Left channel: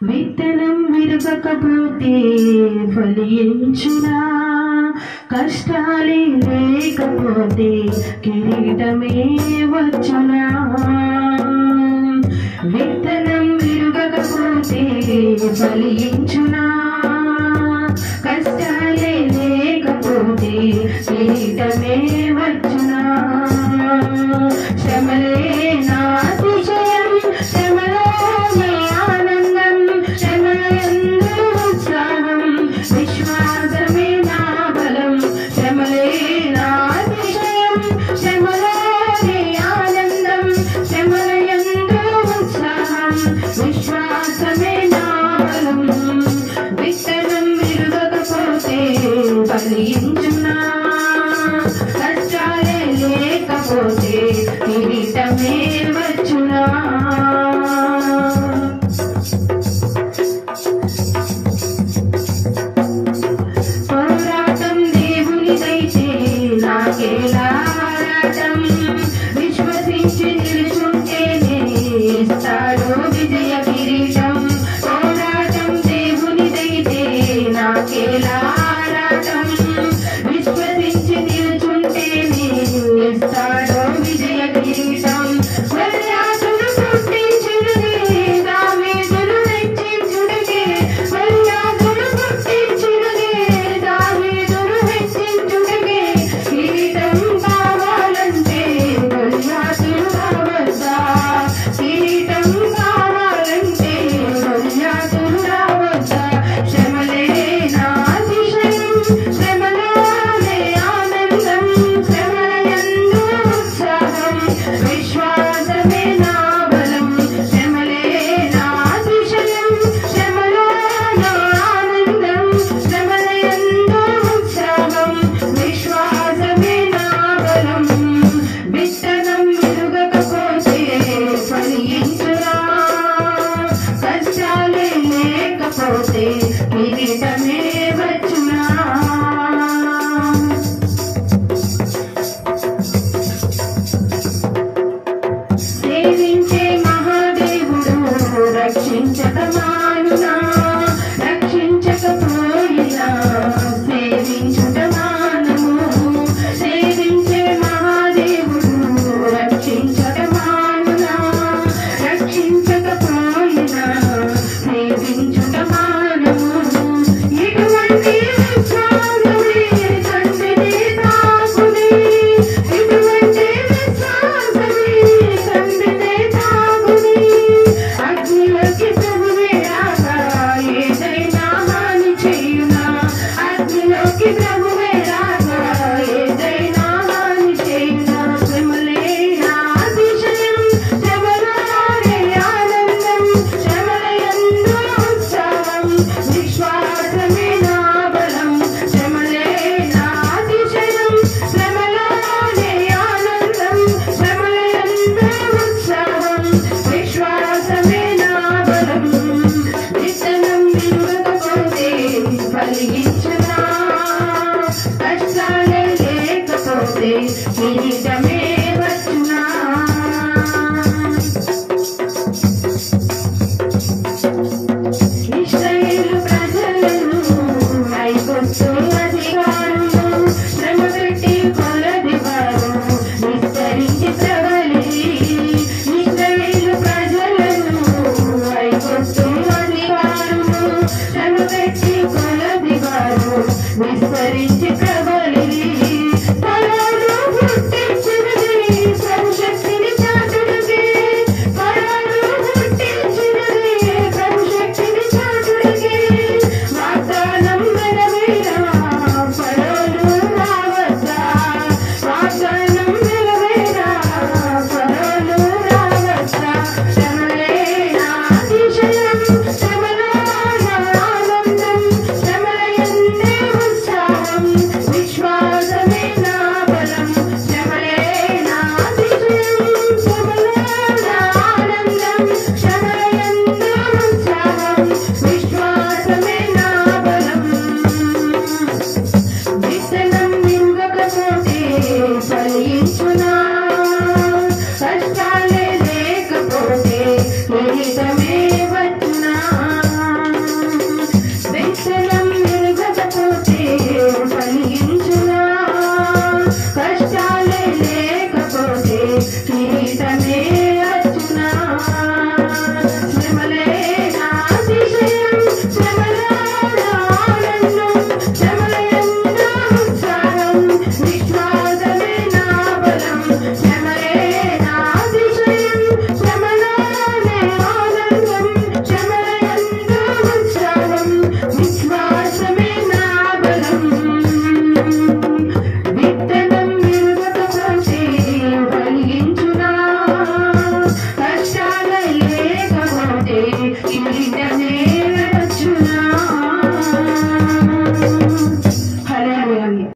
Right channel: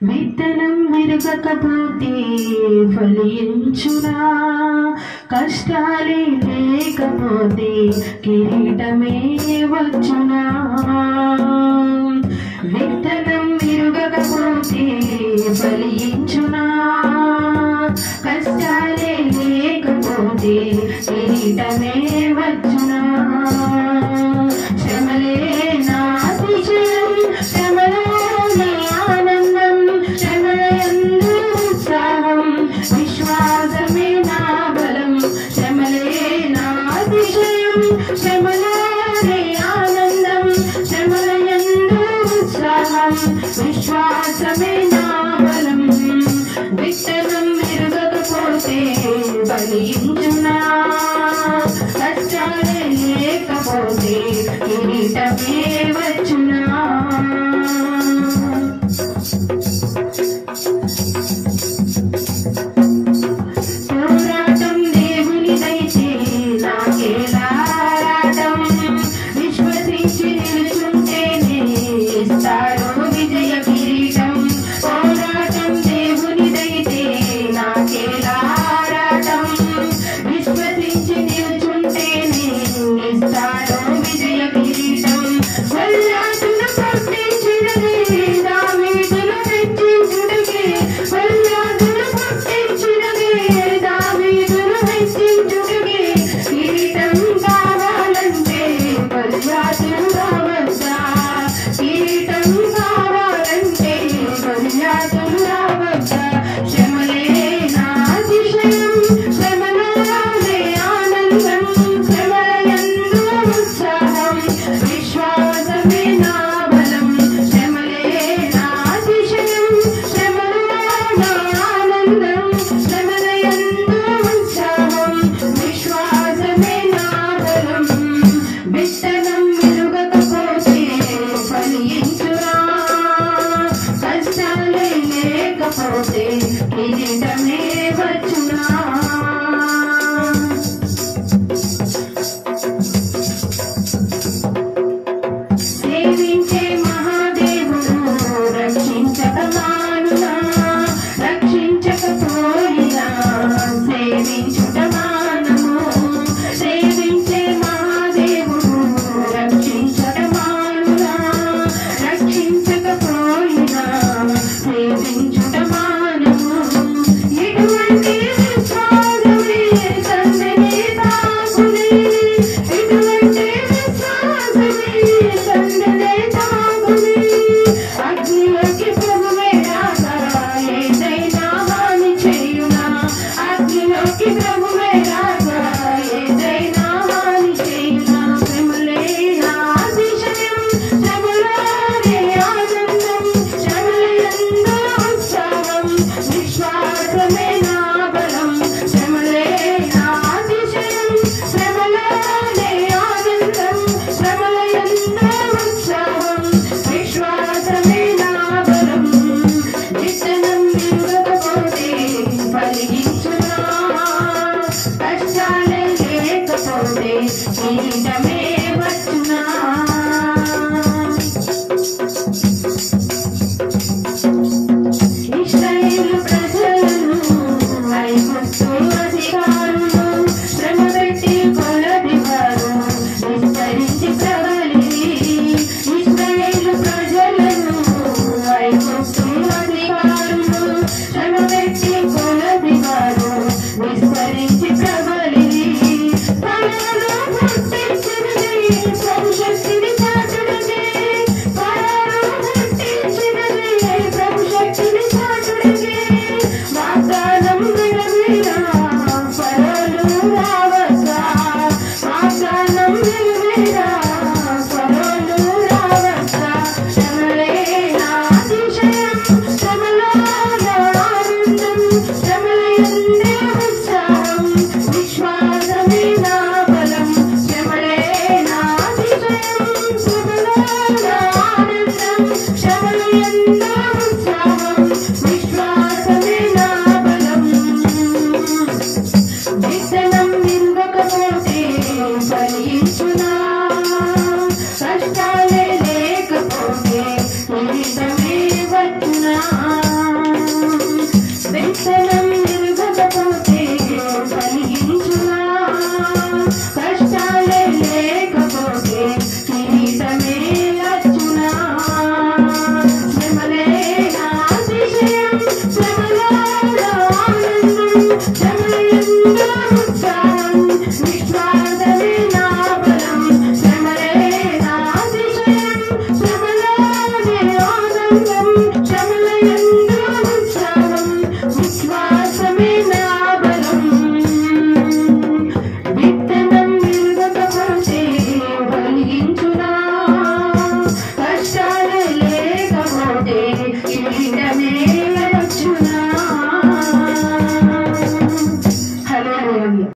విత్తనం విరగకపోతే ఫలించునా, కష్టాలే లేకపోతే కిరీటమే వచ్చునా. విత్తనం విరగకపోతే ఫలించునా, కష్టాలే లేకపోతే కిరీటమే వచ్చునా. శ్రమలే నా అతిశయం, శ్రమలోనే ఆనందం, శ్రమలయందు ఉత్సాహం, విశ్వాసమే నా బలం. శ్రమలే నా అతిశయం, శ్రమలోనే ఆనందం, శ్రమలయందు ఉత్సాహం, విశ్వాసమే నా బలం. విత్తనం విరగకపోతే ఫలించునా, కష్టాలే లేకపోతే కిరీటమే వచ్చునా. పోరాటం దేవునిదైతే నాకేలా ఆరాటం, విశ్వసించి నిలుచుంటేనే ఇస్తాడు విజయ కిరీటం. పోరాటం దేవునిదైతే నాకేలా ఆరాటం, విశ్వసించి నిలుచుంటేనే ఇస్తాడు విజయ కిరీటం. వల్లాదును పుట్టించుటకే, దావీదును హెచ్చించుటకే, వల్లాదును పుట్టించుటకే, దావీదును హెచ్చించుటకే, కిరీటం కావాలంటే గొల్యాతును రావద్దా, కిరీటం కావాలంటే గొల్యాతును రావద్దా. శ్రమలే నా అతిశయం, శ్రమలోనే ఆనందం, శ్రమలయందు ఉత్సాహం, విశ్వాసమే నా బలం. శ్రమలే నా అతిశయం, శ్రమలోనే ఆనందం, శ్రమలయందు ఉత్సాహం, విశ్వాసమే నా బలం. విత్తనం విరగకపోతే ఫలించునా, కష్టాలే లేకపోతే కిరీటమే వచ్చునా. సేవించే మహాదేవుడు రక్షించక